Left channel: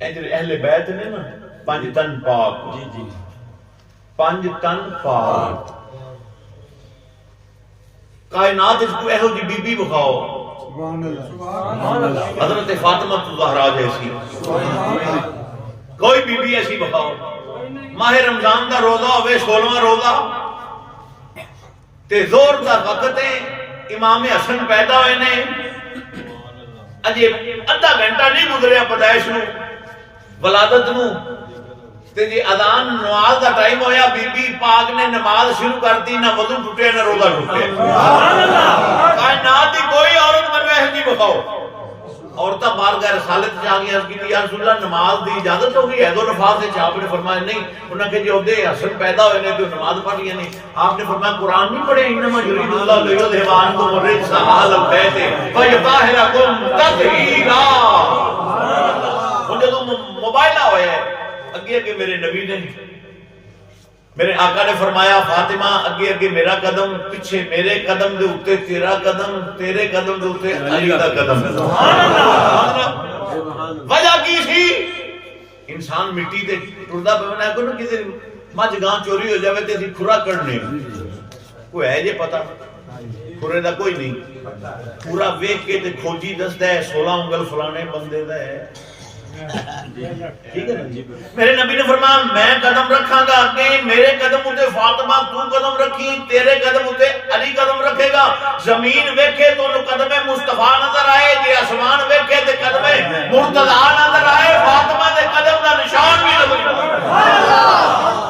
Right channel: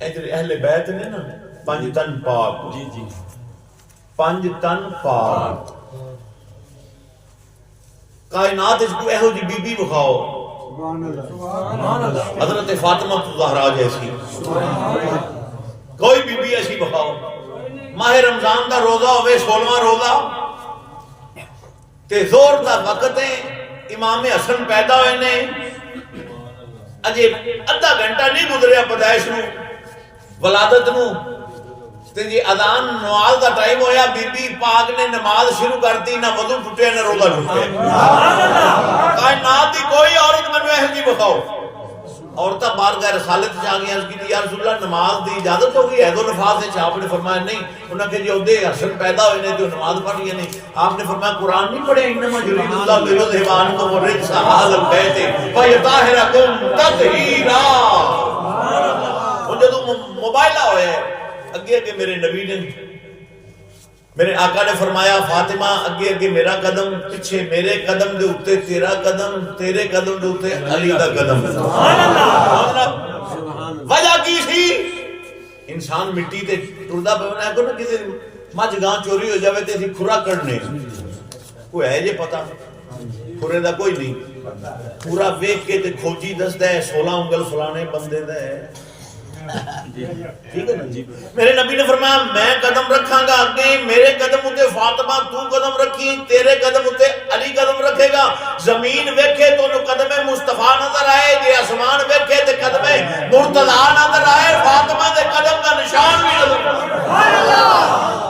اہل بیت نے نا پنج تن پاک، پنج تن پاک، کائنات اس کو اہو جی بی بی بخاؤ حضرت فاطمہ الزہرا جیسی، کوئی بی بی ایسی بخاؤ، ماہ رمضان دا روزہ ہوئے 16واں روزہ تے زور دا وقت ہے، امام حسن پیدا ہوئے نے، اجے ادھا گھنٹہ نہیں گزریا پیدائش نو ولادت نو تے جی اذان نماز دا ٹائم ہویا، بی بی پاک نے نماز شروع کر دی، نہ وضو ٹوٹے نہ روزہ ٹوٹے۔ کائنات دی کوئی عورت منو اہل جی بخاؤ، عورتہ بارگاہ رسالت سے آگیا اس کی یا رسول اللہ نماز دی اجازت ہو گئی ہے دو نفاذ سے؟ آپ نے فرمایا نہیں۔ انہوں نے کہا جی عہدے حسن پیدا ہوئے نے تو نماز پڑھ گیا نہیں۔ آپ نے فرمایا قرآن نہیں پڑھے انما یرید اللہ لیذھب عنکم الرجس اہل البیت ویطہرکم تطہیرا۔ جدو موبائلہ ہوئے اگے اگے میرے نبی نے، میرے آقا نے فرمایا فاطمہ اگے اگے میرا قدم، پیچھے میرے قدم دے اوتے تیرا قدم، تیرے قدم دے اوتے علی دا قدم۔ وجہ کی سی؟ انسان مٹی تے ٹردا پونا ہے کو نا کسی مجھ گاں چوری ہو جاوے تے اسی کھرا کرنے، کوئی ہے جے پتا کھرے دا کوئی نہیں، پورا ویکھ کے تے کھوجی دسدا ہے 16 انگل فلانے بندے دا ہے۔ میرے نبی نے فرمایا میں قدم رکھاں گا اگے، میرے قدم اتے فاطمہ تو قدم رکھی، تیرے قدم اتے علی قدم رکھے گا۔ زمین ویکھے تو قدم مصطفیٰ نظر آئے، جے آسمان ویکھے تو قدم مرتضیٰ نظر آئے، فاطمہ دے قدم کا نشان بھی نظر آئے۔